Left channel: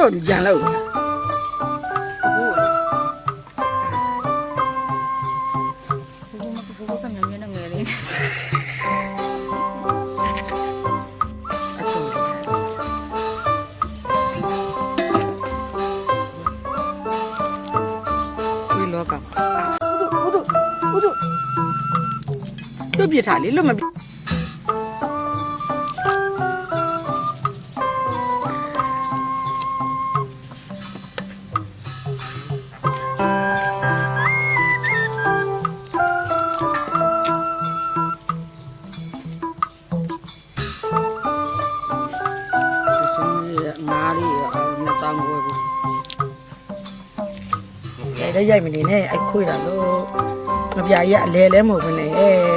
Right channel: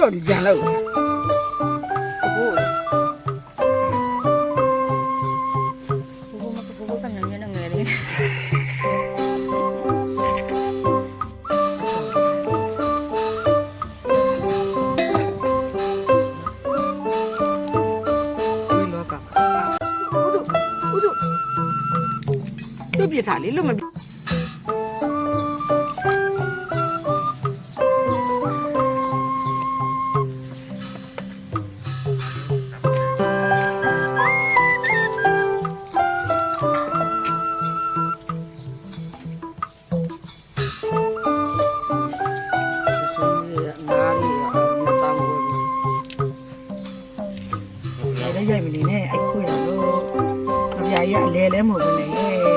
လို့ကြံလို့ ဘိုးကမြန်မြန်နဲ့ငယ်လေး ဒီလောကဟုတ်တို့ပြထားလေလွတ်မရိုက်မနေနဲ့အဲ့ခွေးတာလို့ငပြာကြီးကအလဲလဲမို့ပဲနဲ့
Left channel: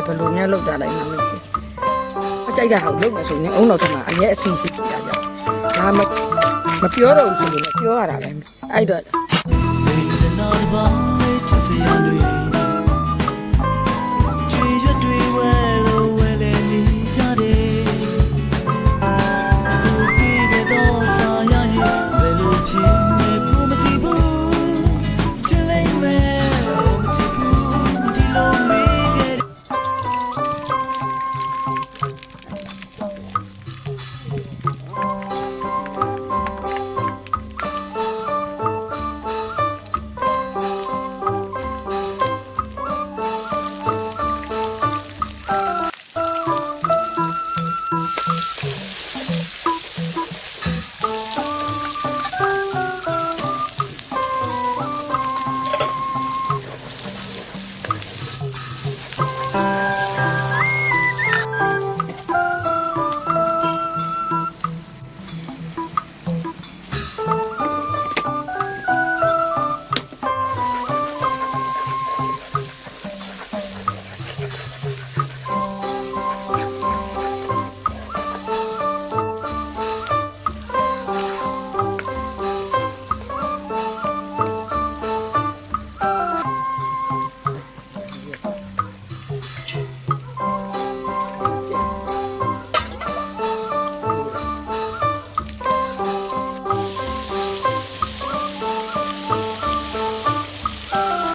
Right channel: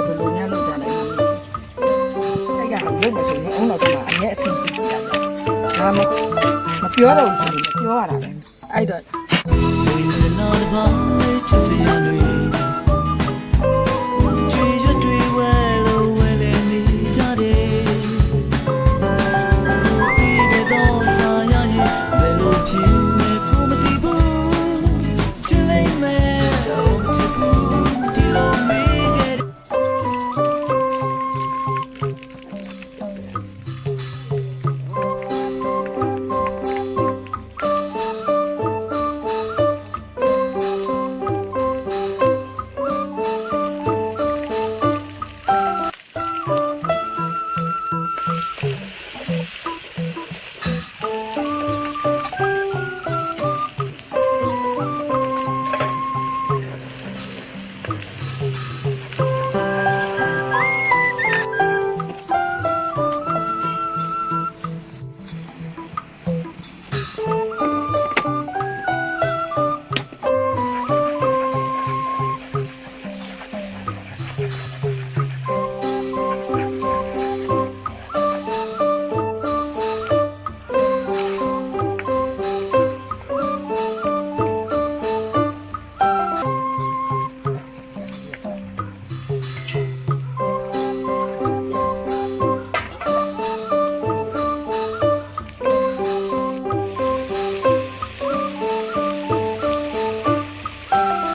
ဘယ်လိုများလောက်တာလိုက်မှာမသိအကြိုက်တာကိုလုံးမယ်ဆိုရင်အုံတော်ထမှာအရင်အစီအစီပြတာဗျာမပြောတော့ဘူးဆိုရင်ပြောရတာပဲအဲ့တော့ We did not bound to see you.